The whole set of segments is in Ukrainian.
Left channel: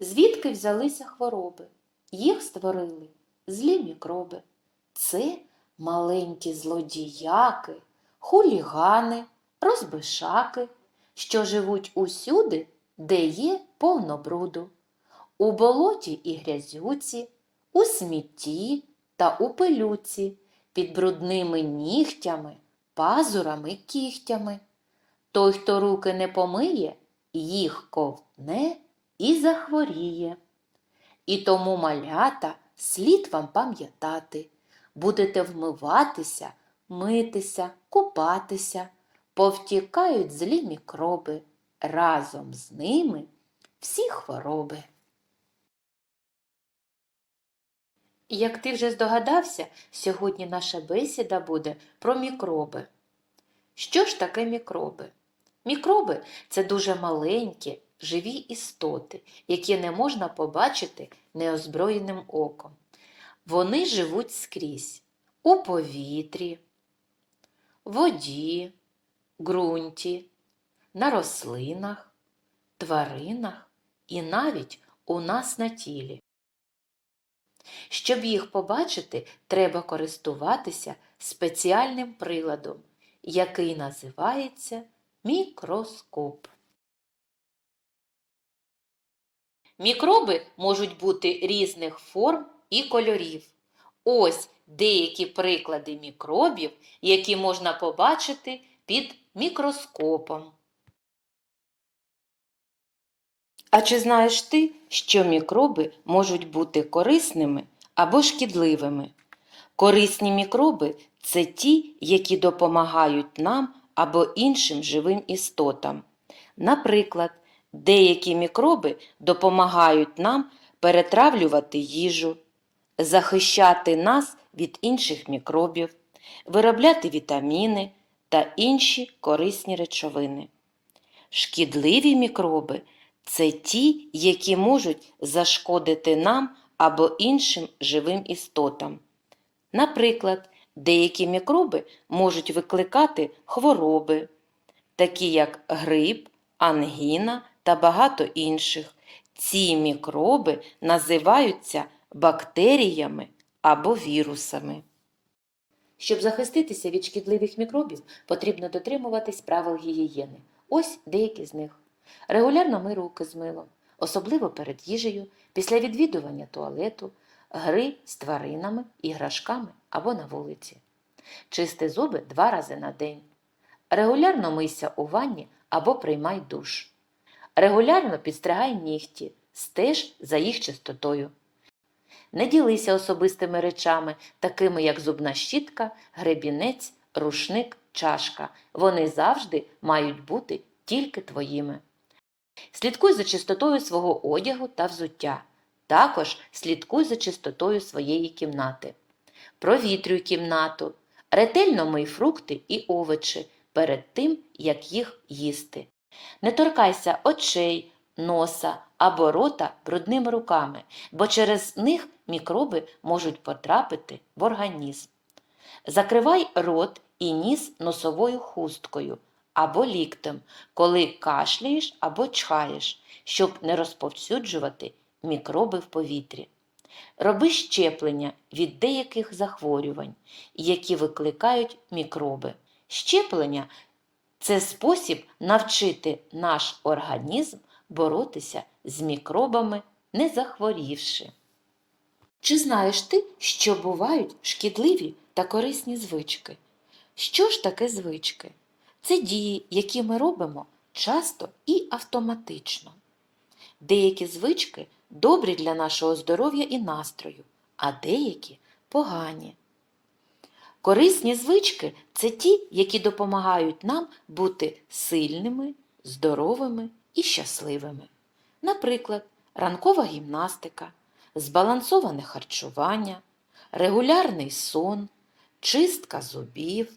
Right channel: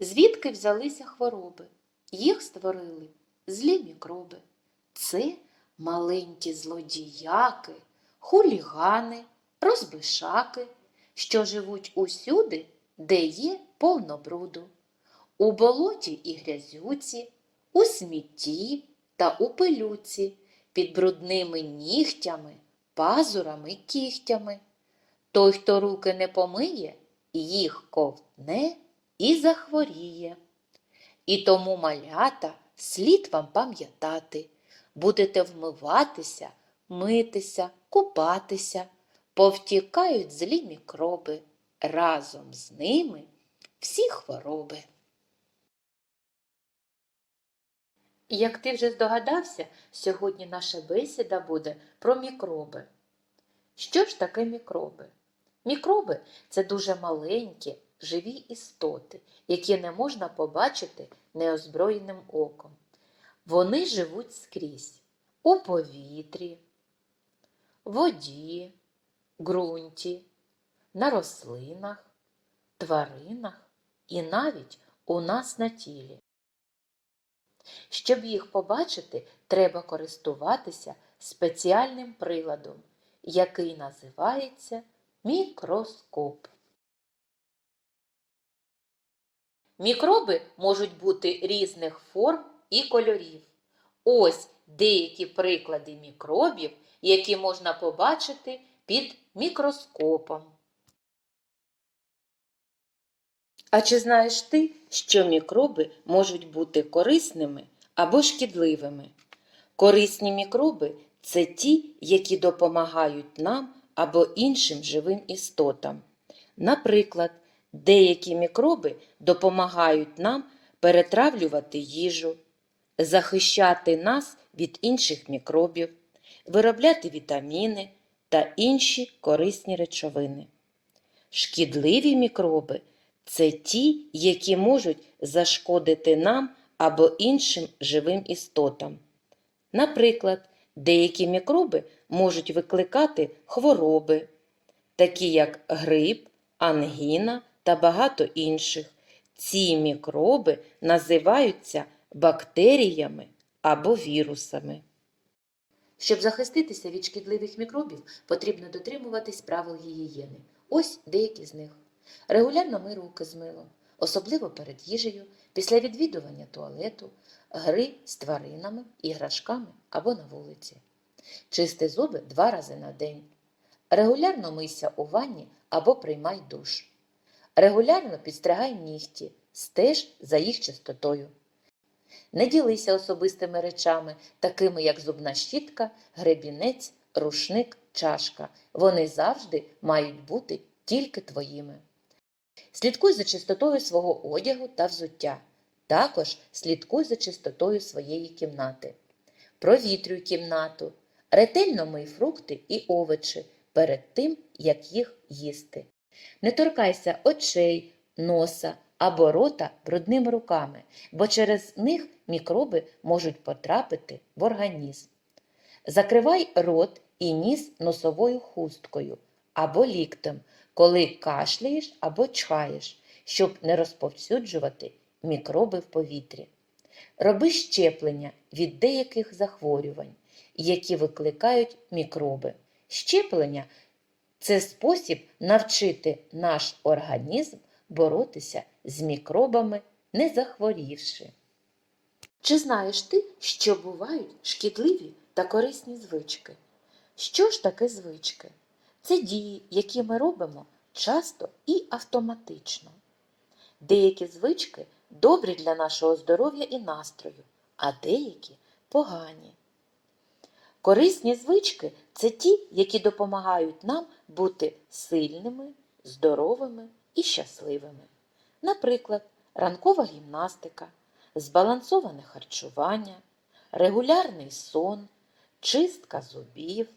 Звідки взялися хвороби? Їх створили злі мікроби. Це маленькі злодіяки, хулігани, розбишаки, що живуть усюди, де є повно бруду. У болоті і грязюці, у смітті та у пилюці, під брудними нігтями, пазурами кігтями. Той, хто руки не помиє, їх ковтне і захворіє. І тому, малята, слід вам пам'ятати, будете вмиватися, митися, купатися, повтікають злі мікроби, разом з ними всі хвороби. Як ти вже здогадався, сьогодні наша бесіда буде про мікроби. Що ж таке мікроби? Мікроби це дуже маленькі, живі істоти, які не можна побачити неозброєним оком. Вони живуть скрізь у повітрі, воді, ґрунті, на рослинах, тваринах і навіть у нас на тілі. Щоб їх побачити, треба користуватися спеціальним приладом, який називається мікроскоп. Мікроби можуть бути різних форм і кольорів. Ось деякі приклади мікробів, які можна побачити під мікроскопом. А чи знаєш ти, що мікроби можуть бути корисними або шкідливими? Корисні мікроби це ті, які допомагають нам або іншим живим істотам. Наприклад, деякі мікроби допомагають нам перетравлювати їжу, захищати нас від інших мікробів, виробляти вітаміни та інші корисні речовини. Шкідливі мікроби це ті, які можуть зашкодити нам або іншим живим істотам. Наприклад, деякі мікроби можуть викликати хвороби, такі як грип, ангіна та багато інших. Ці мікроби називаються бактеріями або вірусами. Щоб захиститися від шкідливих мікробів, потрібно дотримуватись правил гігієни. Ось деякі з них. Регулярно мий руки з милом, особливо перед їжею, після відвідування туалету, гри з тваринами, іграшками або на вулиці. Чисти зуби два рази на день. Регулярно мийся у ванні або приймай душ. Регулярно підстригай нігті, стеж за їх чистотою. Не ділися особистими речами, такими як зубна щітка, гребінець, рушник, чашка. Вони завжди мають бути тільки твоїми. Слідкуй за чистотою свого одягу та взуття. Також слідкуй за чистотою своєї кімнати. Провітрюй кімнату. Ретельно мий фрукти і овочі перед тим, як їх їсти. Не торкайся очей, носа або рота брудними руками, бо через них мікроби можуть потрапити в організм. Закривай рот і ніс носовою хусткою або ліктем, коли кашляєш або чхаєш, щоб не розповсюджувати мікроби в повітрі. Роби щеплення від деяких захворювань, які викликають мікроби. Щеплення це спосіб навчити наш організм боротися з мікробами, не захворівши. Чи знаєш ти, що бувають шкідливі та корисні звички? Що ж таке звички? Це дії, які ми робимо часто і автоматично. Деякі звички добрі для нашого здоров'я і настрою, а деякі погані. Корисні звички це ті, які допомагають нам бути сильними, здоровими і щасливими. Наприклад, ранкова гімнастика, збалансоване харчування, регулярний сон, чистка зубів,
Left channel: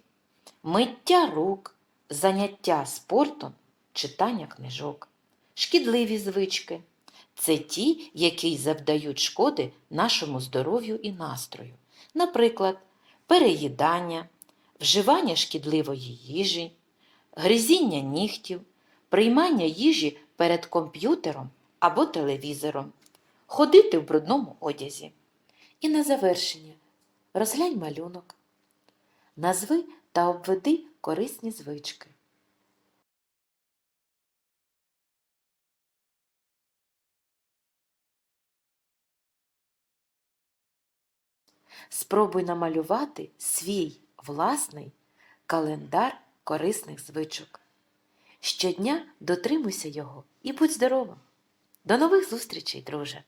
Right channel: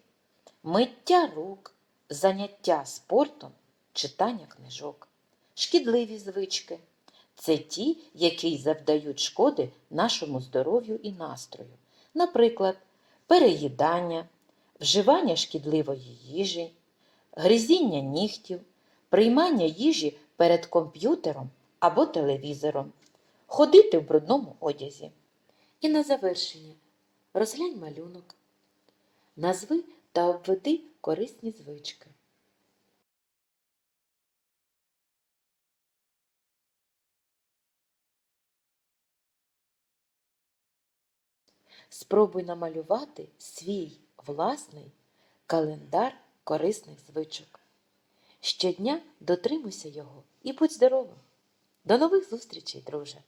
миття рук, заняття спортом, читання книжок. Шкідливі звички це ті, які завдають шкоди нашому здоров'ю і настрою. Наприклад, переїдання, вживання шкідливої їжі, гризіння нігтів, приймання їжі перед комп'ютером або телевізором, ходити в брудному одязі. І на завершення розглянь малюнок. Назви та обведи корисні звички. Спробуй намалювати свій власний календар корисних звичок. Щодня дотримуйся його і будь здоровим. До нових зустрічей, друже!